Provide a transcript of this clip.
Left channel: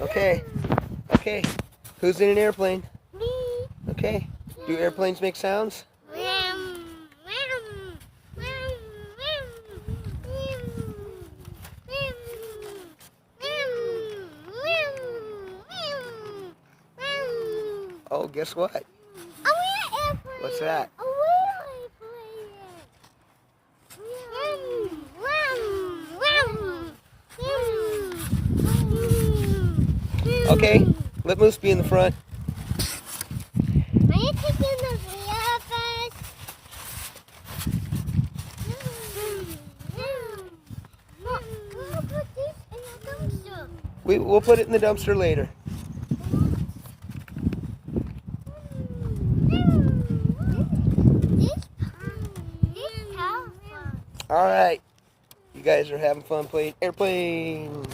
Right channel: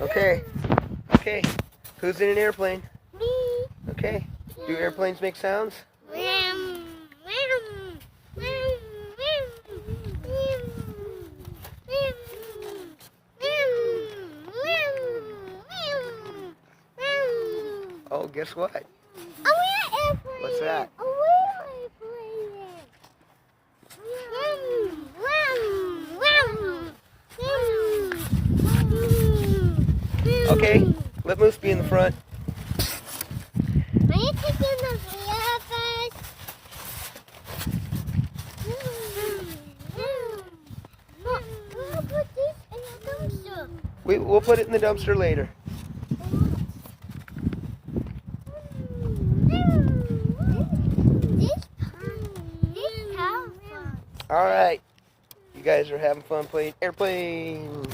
Okay. Okay. Who's in an airplane? Me. Okay. Do airplanes make sounds? Oh, guess what? What's that? Okay, let Moose be in the front. Are you taking the video first? We'll put this in the dumpster. We'll put it in the dumpster later. This powerful. All right. You guys are having fun playing airplane.